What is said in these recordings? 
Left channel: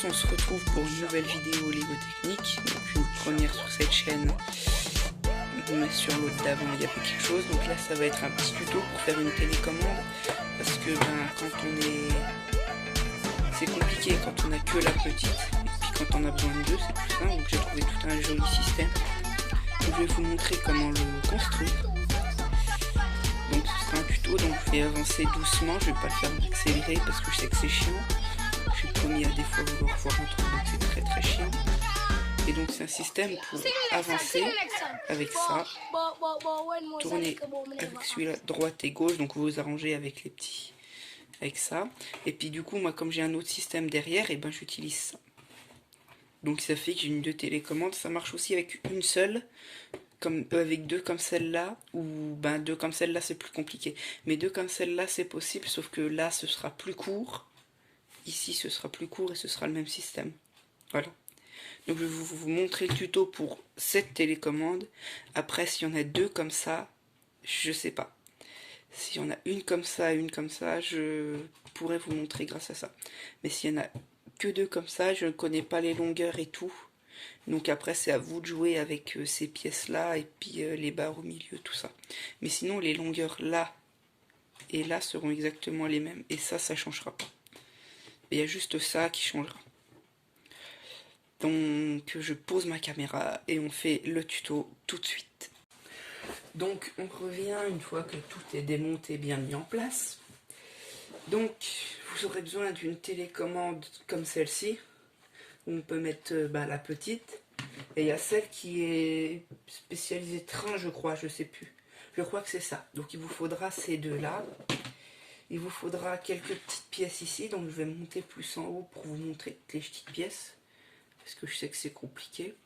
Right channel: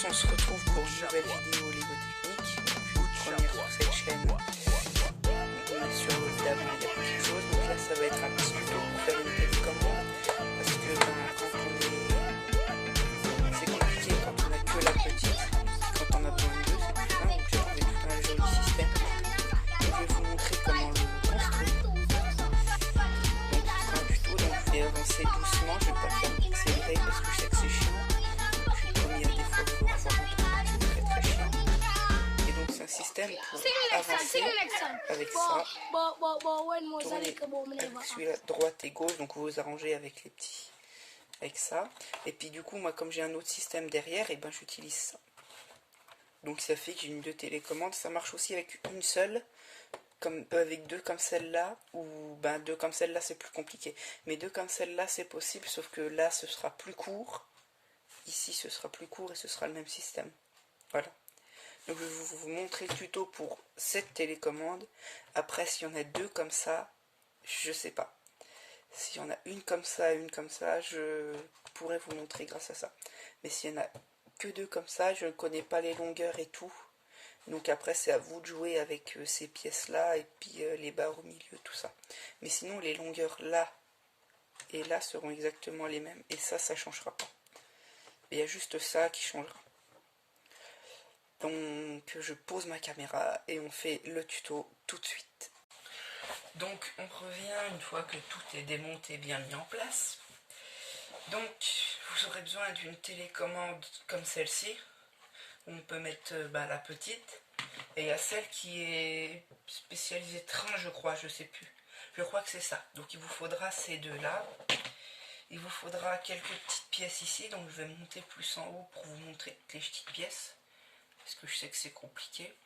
tous, on se retrouve pour une nouvelle vidéo Lego Technique. Donc une première sur cette chaîne, mais sur l'autre d'avant il y a quelque chose. Donc là ça va être un petit tuto pour faire une télécommande. Parce que quand on est... c'est compliqué quand on a que la petite. Et puis quand on a besoin de deux, c'est plus simple. Donc j'ai trouvé tout un joli système. Donc, je vais vous montrer comment le construire. Donc ce sera un tuto, donc je vais avancer doucement. Je ne vais pas faire accélérer parce que je sais que c'est chiant. Je suis le premier à des fois vouloir rentrer, donc c'est très chiant. Et donc c'est un système pour avancer avec ça, tourner avec celui-là droite et gauche, donc vous vous arrangez avec les petits, avec ça. Et puis du coup moi comme j'ai un autre système derrière, et ben j'utilise ça. Donc ça fait que j'ai une deux télécommandes. Ça marche aussi avec une seule, comme avec deux comme celle-là, ou ben deux comme celle-là c'est plus compliqué. Mais deux comme celle-là c'est possible, sauf que là ce sera plus court. Ici ce sera plus court et ce sera le même système. Voilà. Donc je vais vous montrer le tuto pour cette télécommande. Après s'il y en a deux comme ça, je sais pas. S'il y en a une comme ça et une comme ça, je pourrais vous montrer grâce à ça. Mais s'il y en a que deux comme ça, je ne connais pas les longueurs et tout. Donc après c'est à vous de jouer avec ces pièces là et puis les barres au milieu, tout ça. Mais sinon les longueurs là et là seront exactement les mêmes. Et ça changera pas. Il y a juste ça qui changera. Donc je pose ma caméra et on fait le tuto tout de suite. Donc on revient une fois que tout est démonté, bien mis en place. Donc vous aurez besoin d'une télécommande comme celle-ci. On peut mettre la petite. Et il y a celle qui est spécialisée train, je crois, je sais plus. Je crois que c'est ça. Donc il vous faudra ces deux-là. Il vous faudra quelques petites pièces ici. Donc je vais monter plus en haut pour vous montrer les petites pièces. Parce que je sais que c'est compliqué.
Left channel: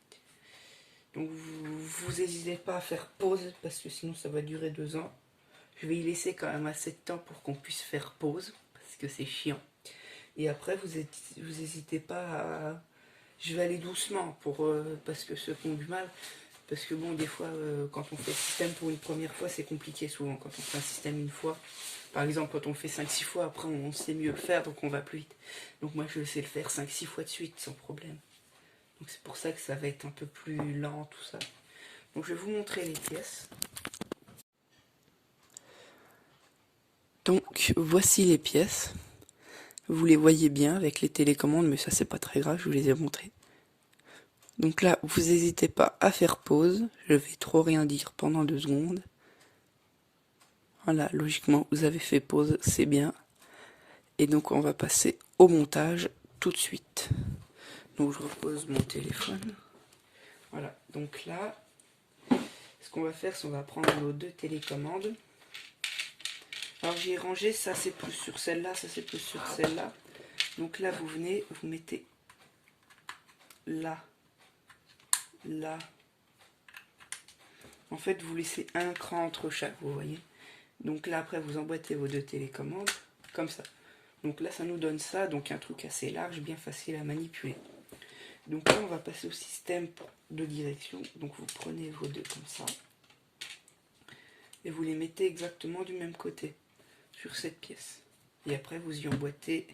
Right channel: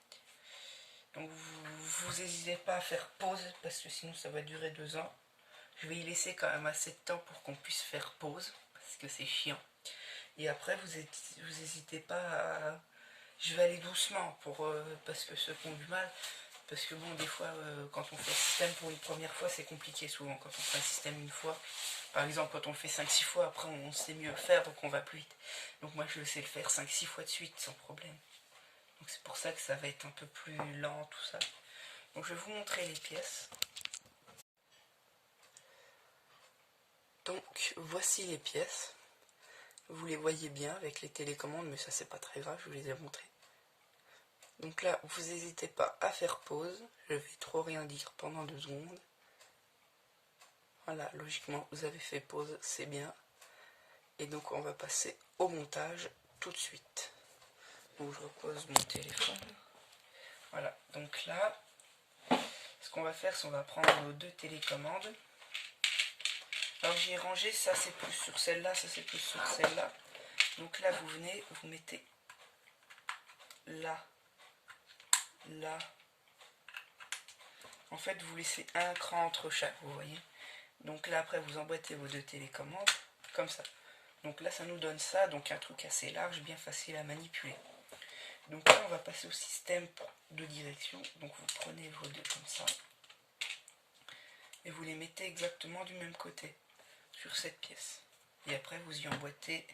Donc vous n'hésitez pas à faire pause, parce que sinon ça va durer 2 ans. Je vais y laisser quand même assez de temps pour qu'on puisse faire pause, parce que c'est chiant. Et après vous n'hésitez pas à... Je vais aller doucement, parce que ceux qui ont du mal, parce que bon, des fois, quand on fait le système pour une première fois, c'est compliqué souvent. Quand on fait un système une fois, par exemple, quand on fait 5-6 fois, après on sait mieux le faire, donc on va plus vite. Donc moi je sais le faire 5-6 fois de suite, sans problème. Donc c'est pour ça que ça va être un peu plus lent, tout ça. Donc je vais vous montrer les pièces. Donc voici les pièces. Vous les voyez bien avec les télécommandes, mais ça c'est pas très grave, je vous les ai montrées. Donc là, vous n'hésitez pas à faire pause. Je vais trop rien dire pendant 2 secondes. Voilà, logiquement vous avez fait pause, c'est bien. Et donc on va passer au montage tout de suite. Donc je repose mon téléphone. Voilà, donc là, ce qu'on va faire, c'est qu'on va prendre nos deux télécommandes. Alors j'ai rangé, ça c'est plus sur celle-là, ça c'est plus sur celle-là. Donc là vous venez, vous mettez là, là. En fait vous laissez un cran entre chaque, vous voyez. Donc là après vous emboîtez vos deux télécommandes, comme ça. Donc là ça nous donne ça, donc un truc assez large, bien facile à manipuler. Donc là on va passer au système de direction. Donc vous prenez vos deux comme ça. Et vous les mettez exactement du même côté. Sur cette pièce. Et après vous y emboîtez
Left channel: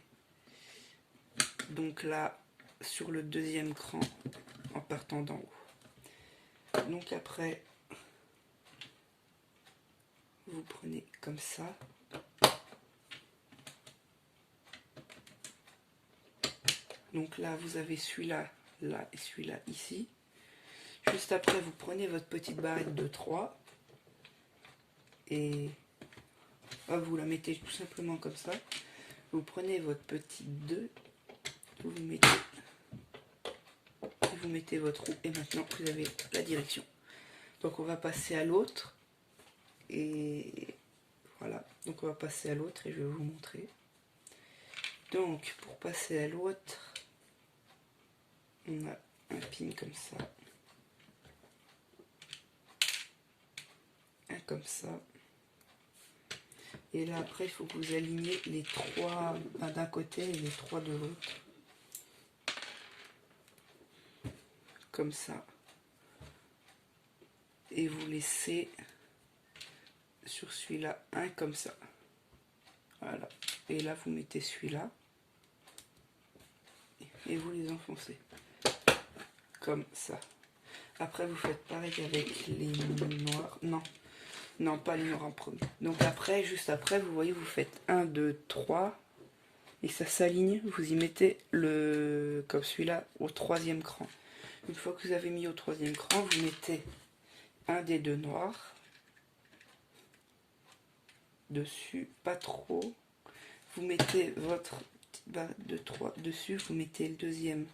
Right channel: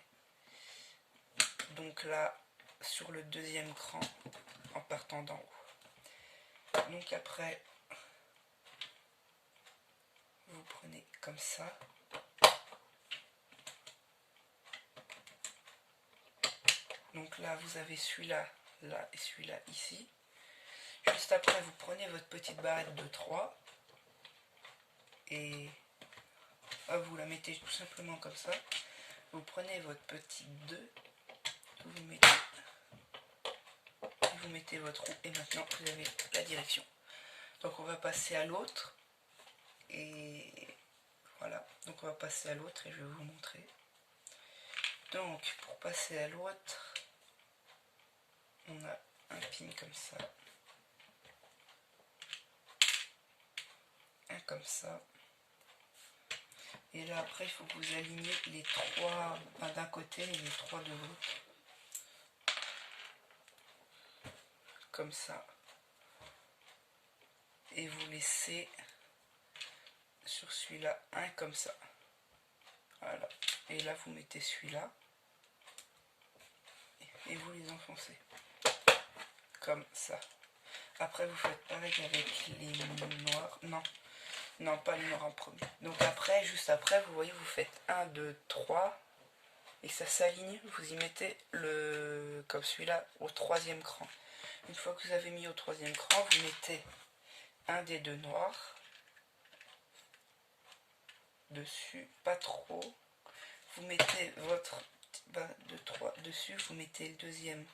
donc là sur le deuxième cran en partant d'en haut. Donc après vous prenez comme ça. Donc là vous avez celui-là, là et celui-là ici. Juste après vous prenez votre petite barrette de 3 et vous la mettez tout simplement comme ça. Vous prenez votre petite 2, vous mettez votre roue et maintenant vous avez la direction. Donc on va passer à l'autre et voilà, donc on va passer à l'autre et je vais vous montrer. Donc pour passer à l'autre, on a un pin comme ça, un comme ça. Et là après il faut que vous aligniez les 3 d'un côté et les 3 de l'autre. Comme ça. Et vous laissez sur celui-là un comme ça. Voilà. Et là vous mettez celui-là. Et et vous les enfoncez. Comme ça. Après, vous faites pareil avec les noirs. Non, pas les noirs en premier. Donc après, juste après, vous voyez, vous faites 1, 2, 3. Et ça s'aligne. Vous y mettez le, comme celui-là, au 3e cran. Une fois que vous avez mis au 3e cran, vous mettez un des 2 noirs dessus, pas trop. Vous mettez votre bas de 3 dessus, vous mettez le 2e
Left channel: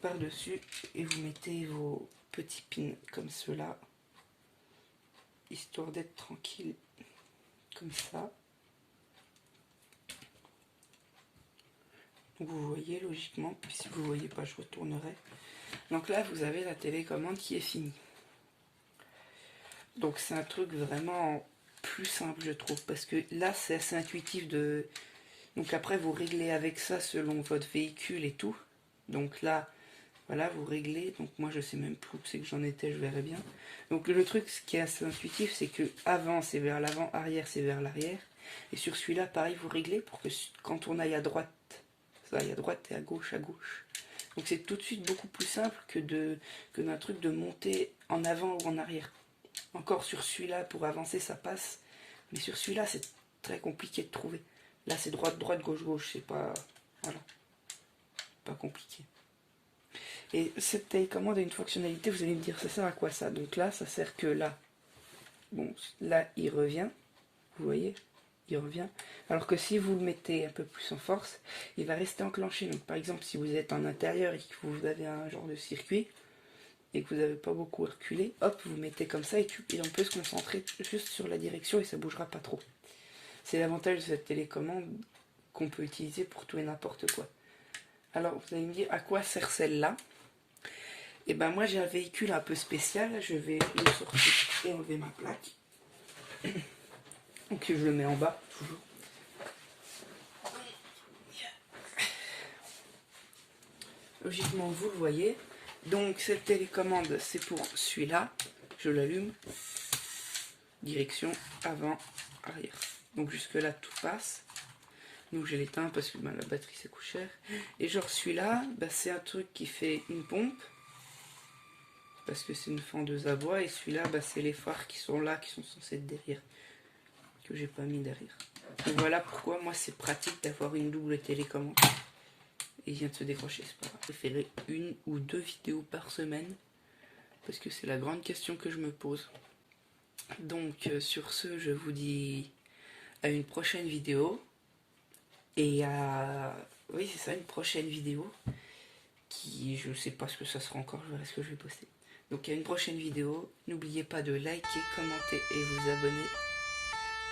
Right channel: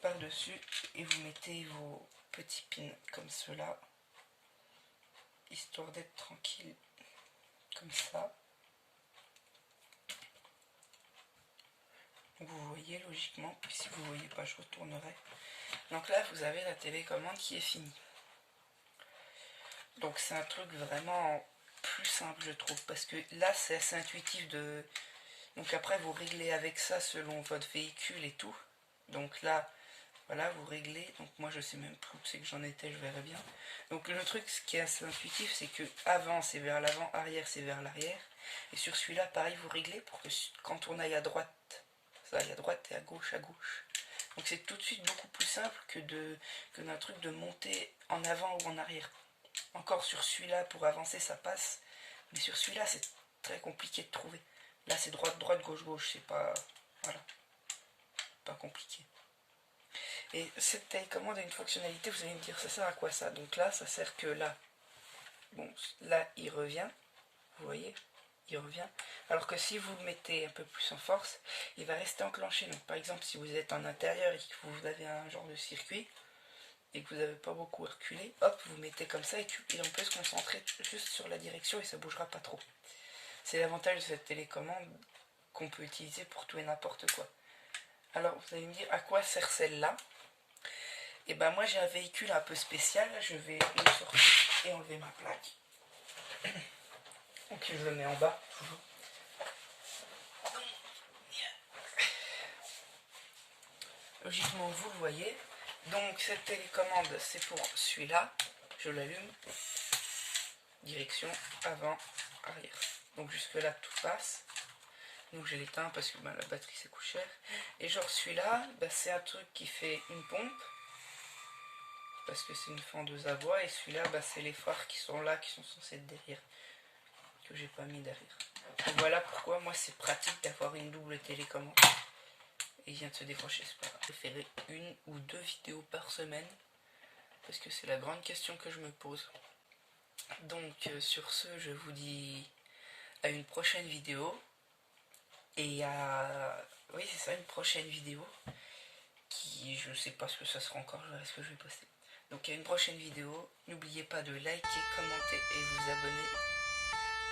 par-dessus et vous mettez vos petits pins comme cela, histoire d'être tranquille, comme ça. Donc vous voyez logiquement, puis si vous ne voyez pas, je retournerai. Donc là, vous avez la télécommande qui est finie. Donc c'est un truc vraiment plus simple, je trouve, parce que là, c'est assez intuitif de... Donc après, vous réglez avec ça selon votre véhicule et tout. Donc là, voilà, vous réglez. Donc moi, je sais même plus où c'est que j'en étais, je verrai bien. Donc le truc, ce qui est assez intuitif, c'est que avant, c'est vers l'avant, arrière, c'est vers l'arrière. Et sur celui-là, pareil, vous réglez pour que quand on aille à droite, ça aille à droite et à gauche, à gauche. Donc c'est tout de suite beaucoup plus simple que d'un truc de monter en avant ou en arrière. Encore sur celui-là, pour avancer, ça passe. Mais sur celui-là, c'est très compliqué de trouver. Là, c'est droite, droite, gauche, gauche. C'est pas... Voilà. Pas compliqué. Et cette télécommande a une fonctionnalité, vous allez me dire, ça sert à quoi ça? Donc là, ça sert que là. Bon, là, il revient. Vous voyez? Il revient. Alors que si vous le mettez un peu plus en force, il va rester enclenché. Donc par exemple, si vous êtes en intérieur et que vous avez un genre de circuit, et que vous n'avez pas beaucoup reculé, hop, vous mettez comme ça et on peut se concentrer juste sur la direction et ça ne bougera pas trop. C'est l'avantage de cette télécommande qu'on peut utiliser pour tout et n'importe quoi. Alors, vous allez me dire, à quoi sert celle-là? Et ben moi, j'ai un véhicule un peu spécial. Je vais le sortir et enlever ma plaque. Donc, je le mets en bas, toujours. Logiquement, vous le voyez. Donc cette télécommande, c'est pour celui-là. Je l'allume. Direction avant, arrière. Donc jusque là, tout passe. Donc je l'éteins parce que la batterie c'est coûte cher. Et genre celui-là, c'est un truc qui fait une pompe. Parce que c'est une fendeuse à bois. Et celui-là, c'est les phares qui sont là, qui sont censés être derrière. Que j'ai pas mis derrière. Donc voilà pourquoi moi c'est pratique d'avoir une double télécommande. Il vient de se décrocher, c'est pas grave. Je préférais 1 ou 2 vidéos par semaine parce que c'est la grande question que je me pose. Donc sur ce, je vous dis à une prochaine vidéo et oui c'est ça, une prochaine vidéo qui, je sais pas ce que ça sera encore, je verrai ce que je vais poster. Donc à une prochaine vidéo, n'oubliez pas de liker, commenter et vous abonner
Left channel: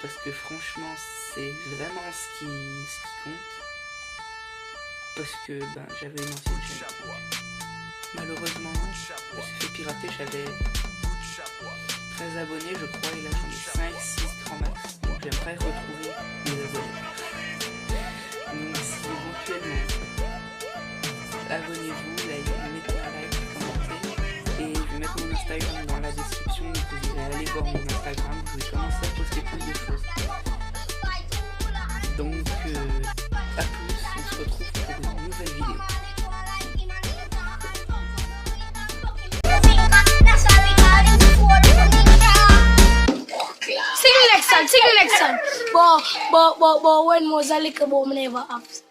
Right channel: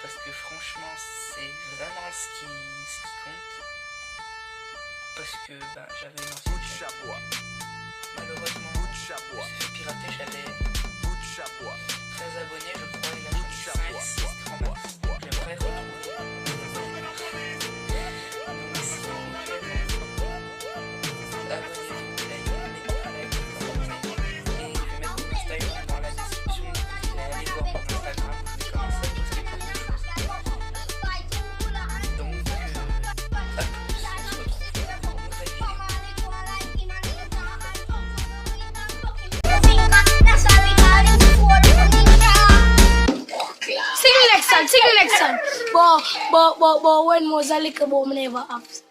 parce que franchement c'est vraiment ce qui compte. Parce que j'avais une ancienne chaîne. Malheureusement, je me suis fait pirater, j'avais 13 abonnés, je crois, et là j'en ai 5, 6 grand max. Donc j'aimerais retrouver mes abonnés. Donc si vous plaît, abonnez-vous, mettez un like, commentez. Et je vais mettre mon Instagram dans la description, donc vous pouvez aller voir mon Instagram, vous pouvez commencer à poster plus de choses. Donc à tous, on se retrouve pour une nouvelle vidéo. Sing the next time. But when was a little boy, never have.